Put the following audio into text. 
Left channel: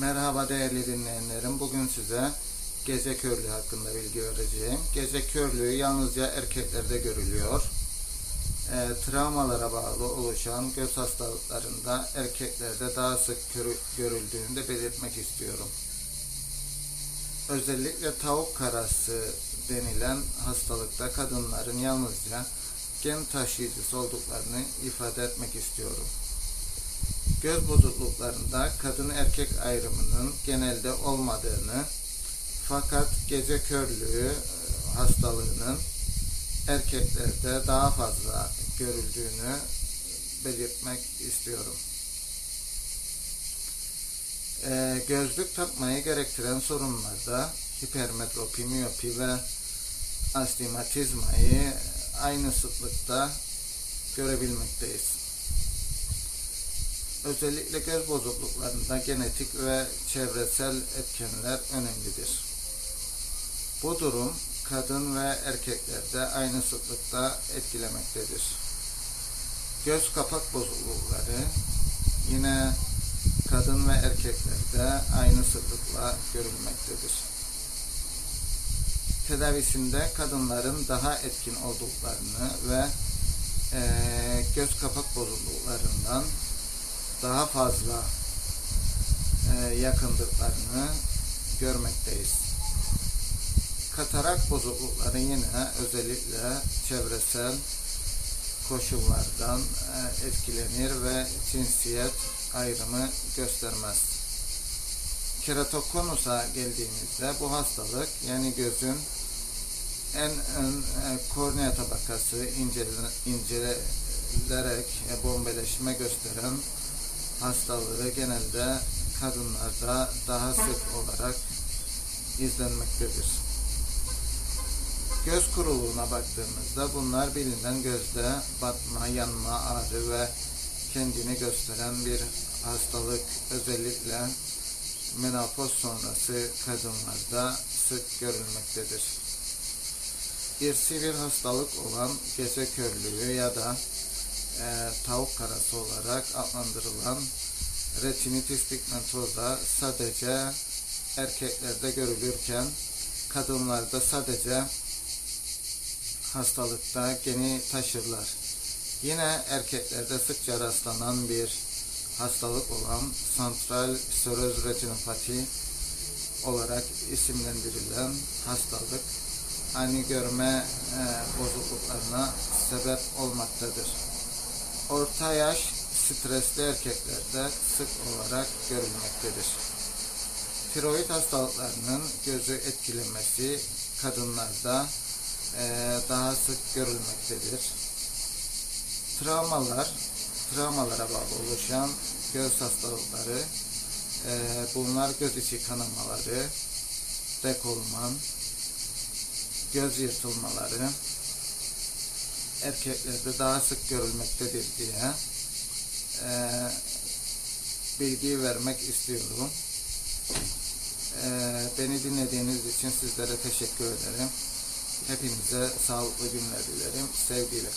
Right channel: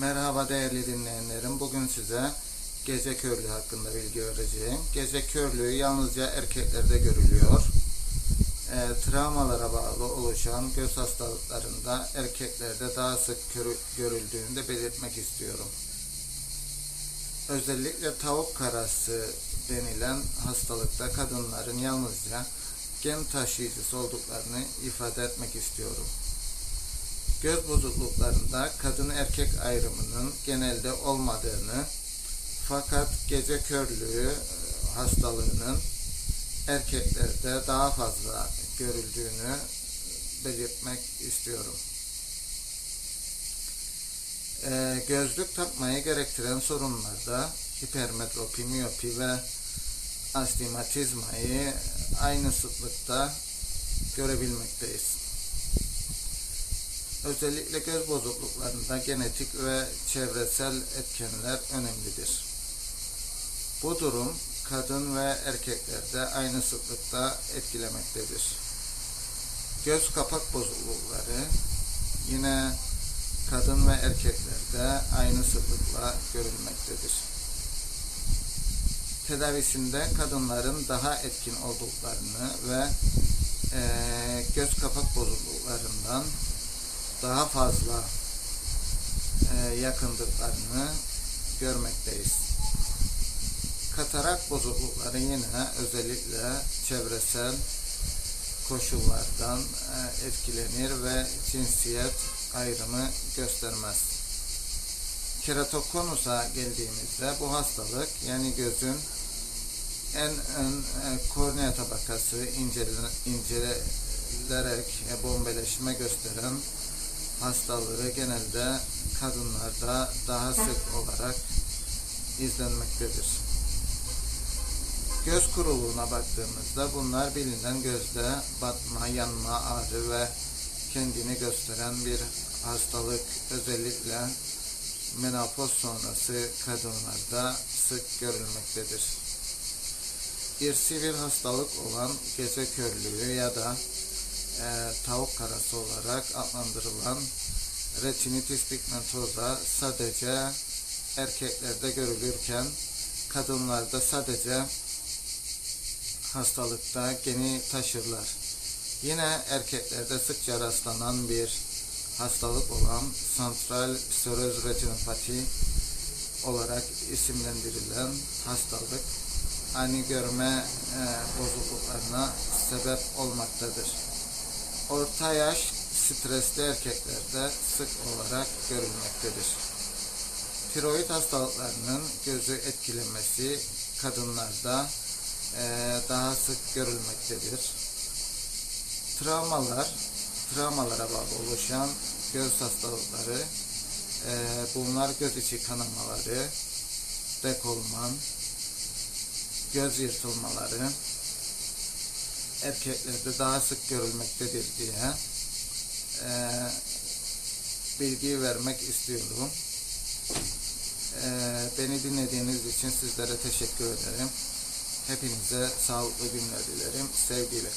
Merhaba değerli dinleyenlerim. Bugün size gece körlüğü hakkında bilgi vereceğim. Gece körlüğü yalnızca erkeklerde görülüyor. E, travmalara bağlı oluşan göz hastalıklarında erkeklerde daha sık görüldüğünü de belirtmek istiyorum. Özellikle tavuk karası denilen hastalıkta kadınların yalnızca gen taşıyıcısı olduklarını ifade etmek istiyorum. Göz bozukluklarında kadın erkek ayrımının genelde olmadığını fakat gece körlüğü e, hastalığının erkeklerde daha fazla görüldüğünü belirtmek istiyorum. Ee, gözlük takmayı gerektiren sorunlarda hipermetropi, miyopi ve astigmatizmayı aynı sıklıkta görebilmekteyiz. Özellikle göz bozukluklarında genetik ve çevresel etkenler önemlidir. Bu durum kadın ve erkeklerde aynı sıklıkta etkilemektedir. Göz kapak bozuklukları yine kadın ve erkeklerde aynı sıklıkla görülmektedir. Tedavisinde kadınların daha etkin olduklarını ve eee, göz kapak bozukluklarından daha fazla eee, yakındıklarını görmekteyiz. Katarak bozuklukları yine özellikle çevresel koşullardan e, etkilenir ve cinsiyet ayrımı göstermez. Keratokonusa geldiğimizde bu hastalık yani gözün en ön e, kornea tabakası incele- incelenerek e, bombeleşme gösteren hastalığı genelde kadınlarda daha sık olarak izlenmektedir. Göz kuruluğuna baktığımızda bunlar bilinen gözde batma, yanma, ağrı ve kendini gösteren bir hastalık özellikle menopoz sonrası kadınlarda sık görülmektedir. İrsi bir hastalık olan gece körlüğü ya da e, tavuk karası olarak adlandırılan retinitis pigmentosa sadece erkeklerde görülürken kadınlarda sadece hastalıkta geni taşırlar. Yine erkeklerde sıkça rastlanan bir hastalık olan santral seröz retinopati olarak isimlendirilen hastalık ani görme e, bozukluklarına sebep olmaktadır. Orta yaş stresli erkeklerde sık olarak görülmektedir. Tiroid hastalıklarının gözü etkilemesi kadınlarda eee, daha sık görülmektedir. Travmalar, travmalara bağlı oluşan göz hastalıkları, eee, bunlar göz içi kanamaları, dekolman, göz yırtılmaları erkeklerde daha sık görülmektedir diye eee, bilgi vermek istiyorum. Eee, beni dinlediğiniz için sizlere teşekkür ederim. Hepinize sağlıklı günler dilerim. Sevgiyle